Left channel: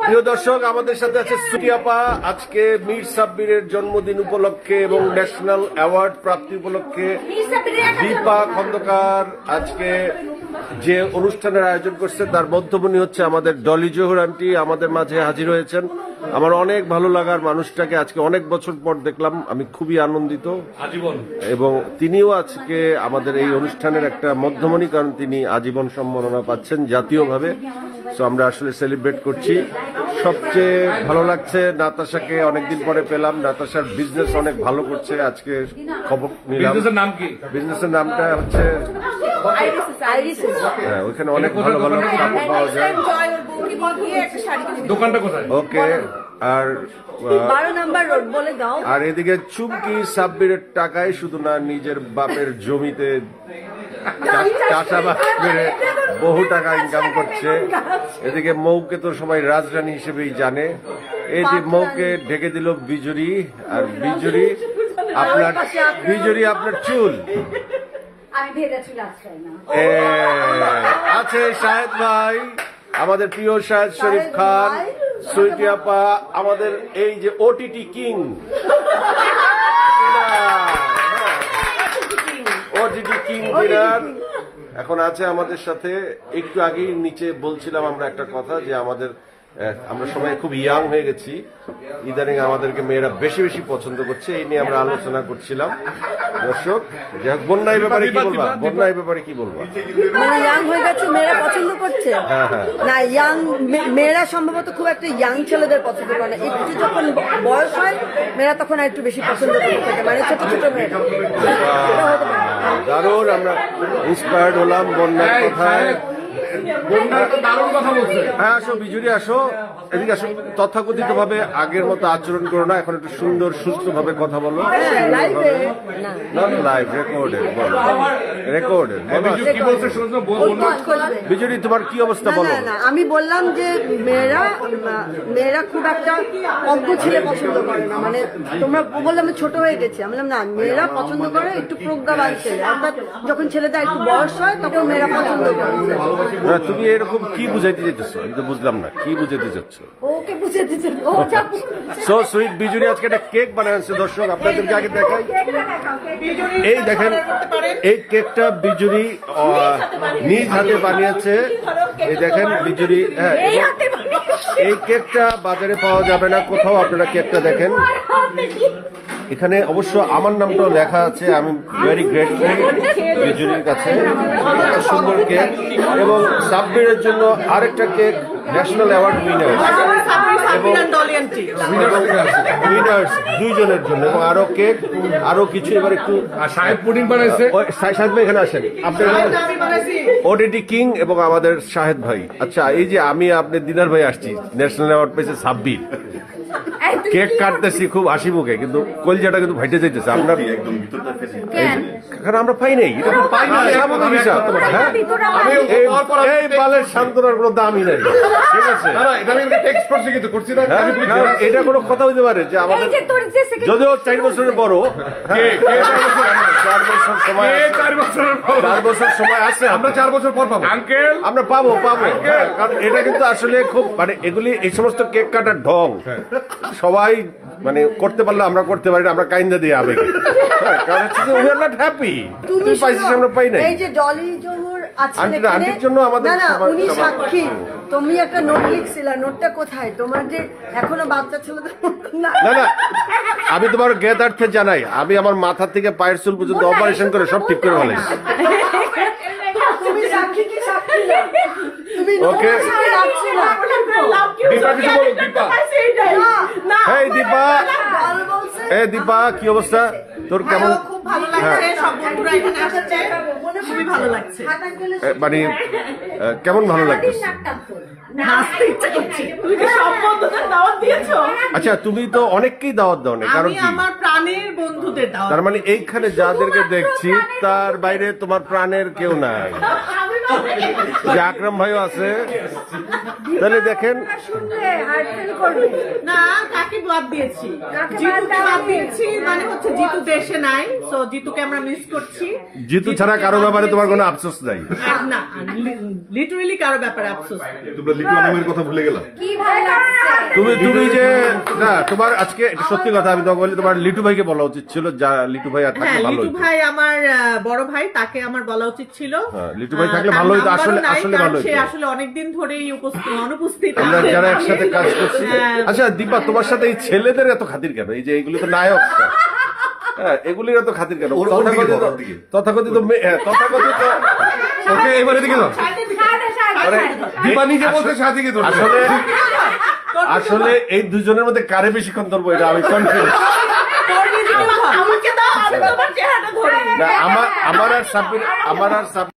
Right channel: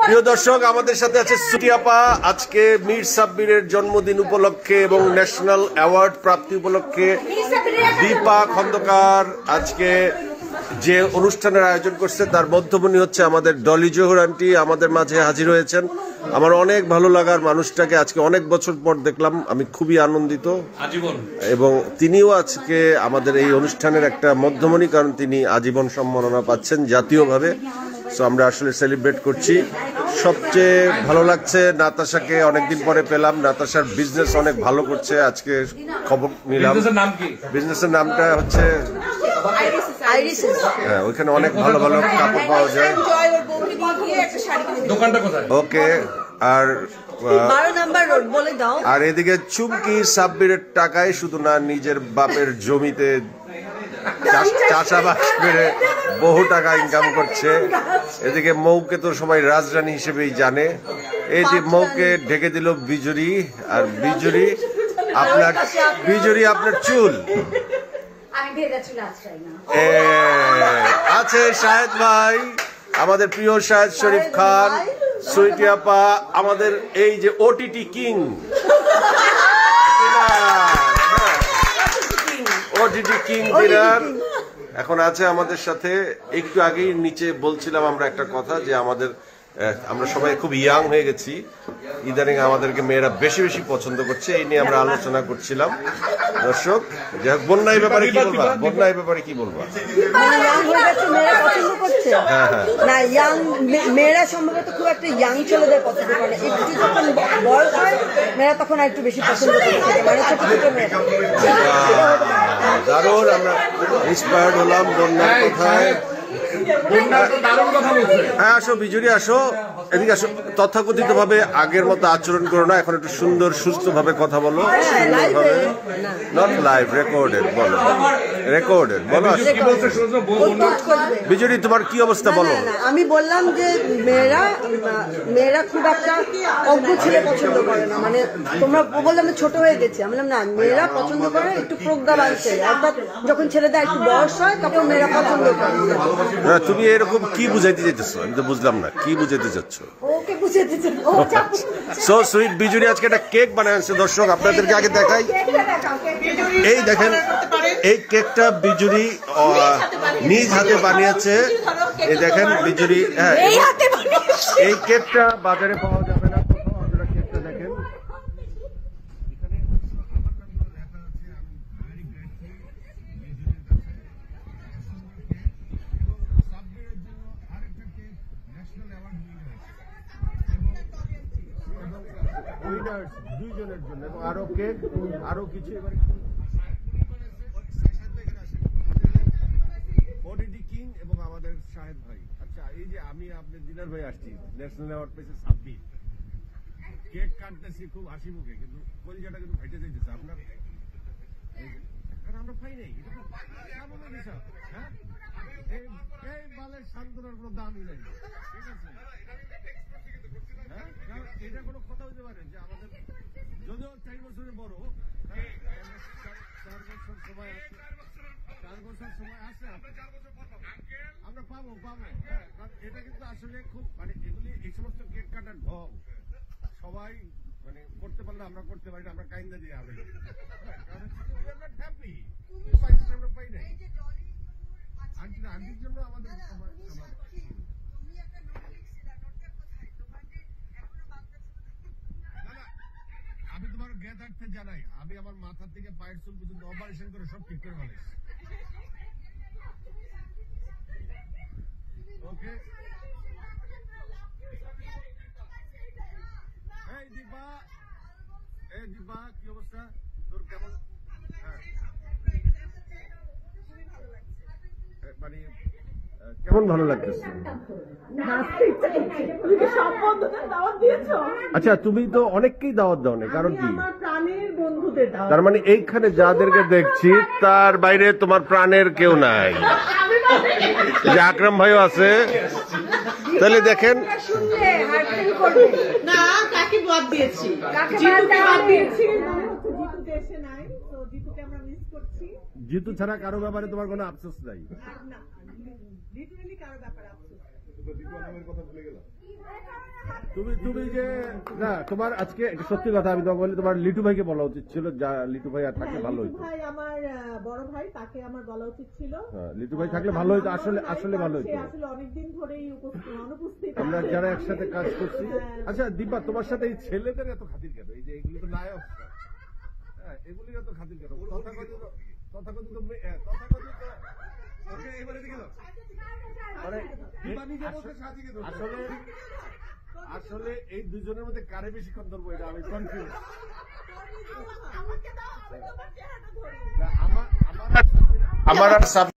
প্রিয় দর্শক, আমাদের সাথে আছে সুইটি আপা। আজকে মীর সাব্বিরের জন্মদিন উপলক্ষে এবং ন্যাশনাল অ্যাওয়ার্ড প্রাপ্তি উপলক্ষে দীপা খন্দকার আজকে যে অনুষ্ঠানের আয়োজন করছে তার মধ্যমণি হচ্ছে আমাদের ডলি জহুর আন্টি আমাদের মাঝে হাজির হয়েছেন। আমার অনেক ভালো লাগার মানুষটাকে আজকে অনেক বছর পর দেখলাম, আমি খুবই আনন্দিত আজীবন। এবং তিনিও আজকে আমাদের এই অনুষ্ঠানের একটা মধ্যমণি, কারণ তিনি আজীবন সম্মাননা পাচ্ছেন জাতীয়ভাবে। সো আমরা আসলে সেলিব্রেট করছি। সবচেয়ে ভালো লাগছে নাতাশাকে অনেকদিন পরে পেলাম। নাতাশার বিজনেস অনেক ভালো করছে, আজকে খবর নিলাম। বিজনেসের নামটা হচ্ছে হ্যাঁ, ওইখানে অনেক ভালো ভালো কাপড় পাওয়া যায়। দোকানটা কোথায়? ওকে। আর 12 নাম্বার রোড বলে দাও। আর এদিকে চুমকি সাব্বিরের টাকায় শুধু না, নিজের বাপের জমিতে চাষাবাদ করে বহু টাকা ইনকাম করছে। এদিকে মৌকে তো সবাই রাজরানী হিসেবেই জানে। এই যে মৌকে ঢেকে দিল বিজুরি, আর বিজুরি আপনার চুল আছে। শাহেদ ভাই, আমাদের প্রিয় শাহেদ শরীফ খান, সুইটি আপা, আমাদের এই যে OTT king, OTT king dinner এখন আছে আমাদের সাথে। একটু আগেই নিচে বলছিলাম আমরা একটা কথা, যে আমরা সবাই খুব ইয়াং হয়ে গেছি, ইদানিং আমাদেরকে মেয়েরা বেশি বেশি পছন্দ করছে, এই নিয়ে আমরা আলোচনা করছিলাম। দর্শক, যাই হোক, বন্যার ব্যাপারে কি বলবা? বন্যার ব্যাপারে কি বলবা? মেয়েরা পছন্দ করছে না, ইয়াং মেয়েরা সম্ভবত খুব একটা ইয়াং ছেলেদের পছন্দ করে না। একটু যখন বয়স হয় মেয়েরা তখন একটু বেশি পছন্দ করে থাকে, মানে ছোট ছোট মেয়েরা। দারুণ, আমরা ইন্সপায়ার্ড হলাম বন্যার কথায়। হ্যাঁ, আসো বিজুরি, আসো এদিকে আসো। তথাকথিত ভাবে আগের মতো আচরণ করো না, এখন একটু সুন্দর সুস্থ ভাবে কথা বলো। নট লাইভ, রেকর্ডেড বলো, রেকর্ডেড বলো। বিজুরি, তোমার কি অবস্থা বলো? আমি বললাম যে মেয়েরা খুব একটা অজ্ঞ ছেলে পছন্দ করে না, মানে তোমরা বললে আমি ছোট হয়ে গেছি। আমি বললাম না, মেয়েরা পছন্দ করে একটু প্রজ্ঞাবান ছেলে, অর্থাৎ যখন ছেলেদের একটু বয়স হয় তখন মেয়েরা পছন্দ করে। তুমি এরকম কি বুঝাইতে চাইতেছো? আমি তো বুঝলাম না কি বুঝাইতে চাচ্ছ। সো সুইট বিজুরি আজকে একটা কেক বানাচ্ছে। দর্শক, আপনাদেরকে আগে দেখাই, এই দেখেন, এই কেকটা বিজুরি নিজ হাতে বানিয়েছে। এই দেখেন বিজুরি, হ্যাঁ, এই কেকটা বাজারে পাওয়া যাবে না কোথাও। আপনারা কেকটা দেখেন, এখানে অবশ্য আমার নামটাও লেখা আছে। আমি ভেরি গ্রেটফুল বিজুরির কাছে, সুন্দর কেক। এবং সাব্বিরের জন্য আরেকটা কেক, ন্যাশনাল অ্যাওয়ার্ড উইনার্স দুইজনের জন্য, এবং আরো কেক, আরো কিছু। এবার একটু সাহেব পুডিং বানাইছে। শাহেদ ভাই এখানে আসেন, আপনারা ওটিটি কিং এবং আমাদের শাহেদ ভাই। আচ্ছা, এই যে আমি আপনি দিনার ভাই আসছি, ন্যাশনাল অ্যাওয়ার্ড পেয়েছে সাব্বির, কেক কাটতেছি খুব হাসি মুখে, কিন্তু কলজাটা কিন্তু ভাইটে যাইতেছে। আমরা আমরা পাই নাই, এটা পাই না, এই বালের সান্ত্বনার কোনো দামই নাই। ঠিক আছে, এটা কোনো কথা হইতে পারে যে আমাদের যদিও 4 বছরের বড়, 4 বছর সময় আছে, আমরা 4 বছর পর পাবো আঙ্কেল, আমরা পাবো। কারণ এটা কিন্তু আসলে খুব, মানে এগুলি এই সমস্ত কেক কাটার ঢং সবাই মানে করতে পারলে আমরা করতে পারি না, আমরা কাইন্দা দিয়ে আবেগ। কারণ হচ্ছে যে উই আর নট হ্যাপি। তুই পাইছিস, আমরা পাই নাই। এই যে ডলি জহুর আন্টির জন্য আমাদের, না উনি সাক্ষী। তুমি একটা নোট লিখছিলা, নোটটা কোথায়? তোমার যে এখনো বাচ্চা ছিল না। আমি তোমার জ্ঞাতার্থে জানাই, আমি আমার মাথা থেকে পায়ের চুল পর্যন্ত অপারেশন করে সব ঠিক করে ফেলাইছি। তুমি সাক্ষী কি সাক্ষী না? তুমি ওকে, এই দীপা, এই দীপা, কি অবস্থা তোর? কেমন? মানে কেমন ভালো লাগতেছে? আচ্ছা, তুমি তো অনেককেই দাওয়াত দাও না, কারণ কি? তার মানে এইখানে যাদেরকে দেখছি তার বাইরে তোমার প্রাণের কেউ নাই। যে আকরাম ভাইও আছে, তাহলে দেখেন না, কাকে বাদ দিয়েছি, জিতুকে বাদ দিয়েছি, মানে হচ্ছে জিতু দেশে নাই, তো জিতুকে আমরা মিস করছি। জিতু ছাড়া কারো ব্যাপারে তোমার কোনো আফসোস নাই? না, লিটারালি কারো ব্যাপারে আফসোস। তোমরা লিটু নামের কথা ভুলে গেলা। কি ভালো লাগছে তুমি যে না তোমার আজকে একটা সত্যি কথা আমি তোমাকে বলি, তোমার লিটু ভাইকে বলা উচিত ছিল, যা লিটু ভাই আর থাকলে হ্যাঁ, ভালো লিটু হতো। ভাই আমার বড় ভাই, তাকে আমার বলা উচিত ছিল। লিটু ভাই থাকলে তার ভালো হতো, নাম্বারও আসলে নাই, আসলে কারণ ভালো সে হতো। আসলে অনেকদিন ধরেই অনুপস্থিত আমরা আছে। যারা একসাথে কাজ করছি। হ্যাঁ। আচ্ছা দীপা, তোমার সাথে এই ছেলেদের এত খাতির কেন? এই যে এগুলি তো নায়ক, হ্যাঁ এগুলির এত খাতির কেন? তথাকথিত তথাকথিত ওকে এবারে দিকে দাও। দীপা নিজে বলতে সাথে আসলে আসলে এই দুজনের মধ্যে কারে বেশিক্ষণ ধরবো এটা আমি কনফিউজ। আমাকে দাও, আমি তোমার চেহারাটা ধরি। আমার আর সাব্বির